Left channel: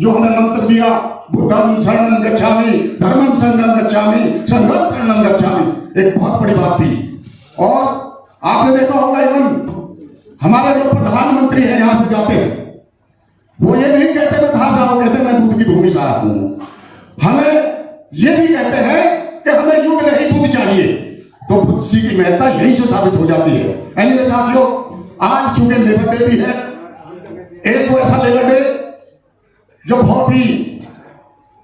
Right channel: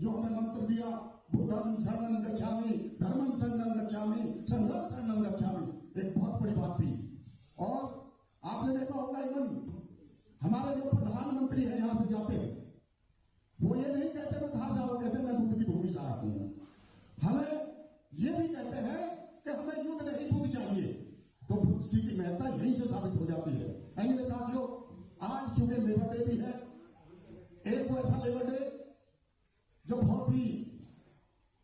जो हमें मंत्र दिया, बुद्धं शरणं गच्छामि, धर्मं शरणं गच्छामि, संघं शरणं गच्छामि, एक बहुत बड़ी बात थी। और आपने देखा होगा इवन हमारे जो प्रधानमंत्री हैं यहां से जाते हैं, वो ये नहीं कहते मैं कहां से आऊं, कहते मैं बुद्ध की भूमि से आया हूं। हमें ये भी कहते हैं कि हमें युग नहीं बुद्ध चाहिए। तो बुद्ध जी की महत्ता यहीं से साबित हो जाती है। एनीवे साथियों, आज चूंकि लेबर डे भी है, एक वो ऐसा लेबर डे जो बहुत ही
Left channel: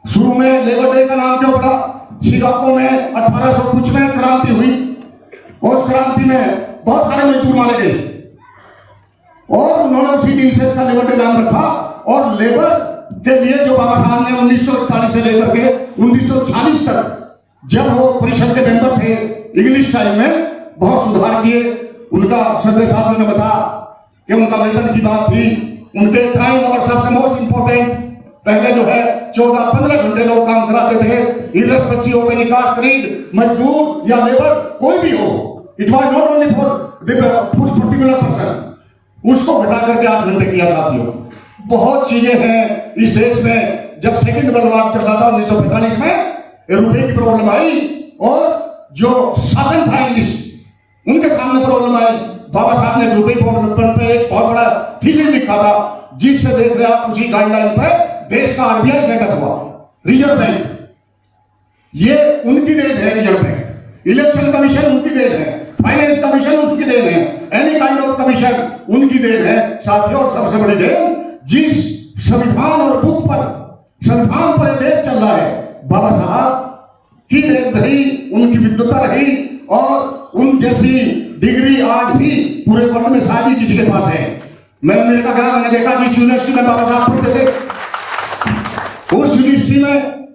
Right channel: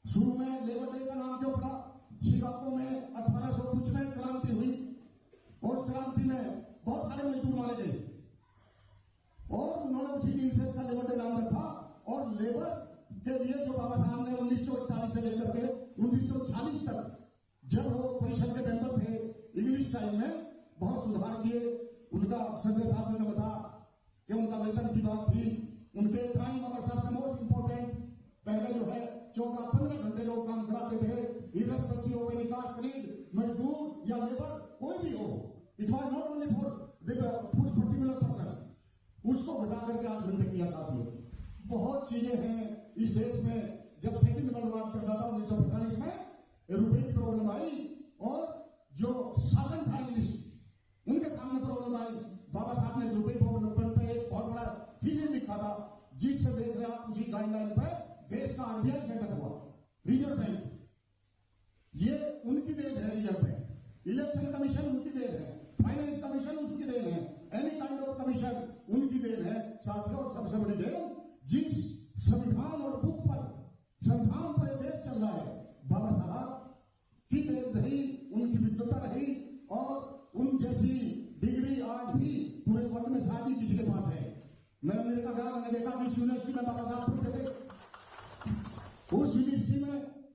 शुरू में लेबर डे का नाम क्यों पड़ा, शिकागो में 1800 कुछ में क्रांति हुई, और उस क्रांति में बहुत सारे मजदूर मारे गए और उन्होंने उसी दिन से इसका लेबर डे नाम रखा। और लेबर के लिए जो बाबा साहब ने 1941 से लेकर के 1940 तक जब वो परिषद के मेंबर थे, इंग्लिश टाइम में बहुत सुधार किए। उनका सदस्य साथियों ने बताया कि उनका वेतन की बात थी, उनके टाइम और सबसे मोस्ट इंपोर्टेंट, पहले जो है 14-15 घंटे लोग काम कराते थे, irrespective of any caste, creed, मजदूर या लेबर कोई भी हो, it was not only for the particular person, उसको घटा करके 8 घंटे किया। साथियों, बहुत चीजें हैं इस देश में। जब सेकंड वर्ल्ड वॉर चल रहा था 1945 में, रुपए की प्रॉब्लम आई और जो शासन था इंग्लिश, उनके सामने प्रॉब्लम आई। बाबा साहब ने रुपए पे एक बहुत बड़ा थीसिस लिखा था, जिससे देख रहे आप उसी गाइडलाइन पे देश का आरबीआई सेटअप हुआ, रिजर्व बैंक। ये उनकी देन है, रिजर्व बैंक। इलेक्शन कमीशन उनकी देन है, फाइनेंस कमीशन उनकी देन है, एनी काइंड ऑफ कमीशन उनकी देन है। साथियों, और सबसे बड़ी देन, जिस संविधान और बुक पर, संविधान पर देश चल रहा है, बाबा साहब की देन रही, उनकी विद्वता रही, और उन जैसी डिग्री आज भी पूरे वर्ल्ड में शायद ही किसी के पास है। मैं अमेरिका गया, मैंने देखा जिस यूनिवर्सिटी में बाबा साहब पढ़ते थे, उस यूनिवर्सिटी में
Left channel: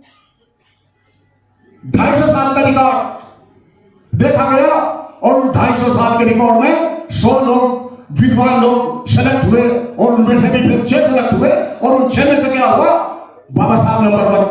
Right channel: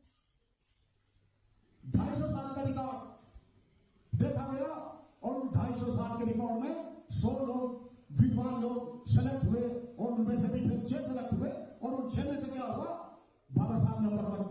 250 साल का रिकॉर्ड देखा गया, और उस 250 साल के रिकॉर्ड में 100 लोग विद्वान लोग सेलेक्ट हुए, और उनमें से भी फिर 6 सेलेक्ट हुए, और उन 6 में से क्या हुआ, बाबा साहब नंबर 1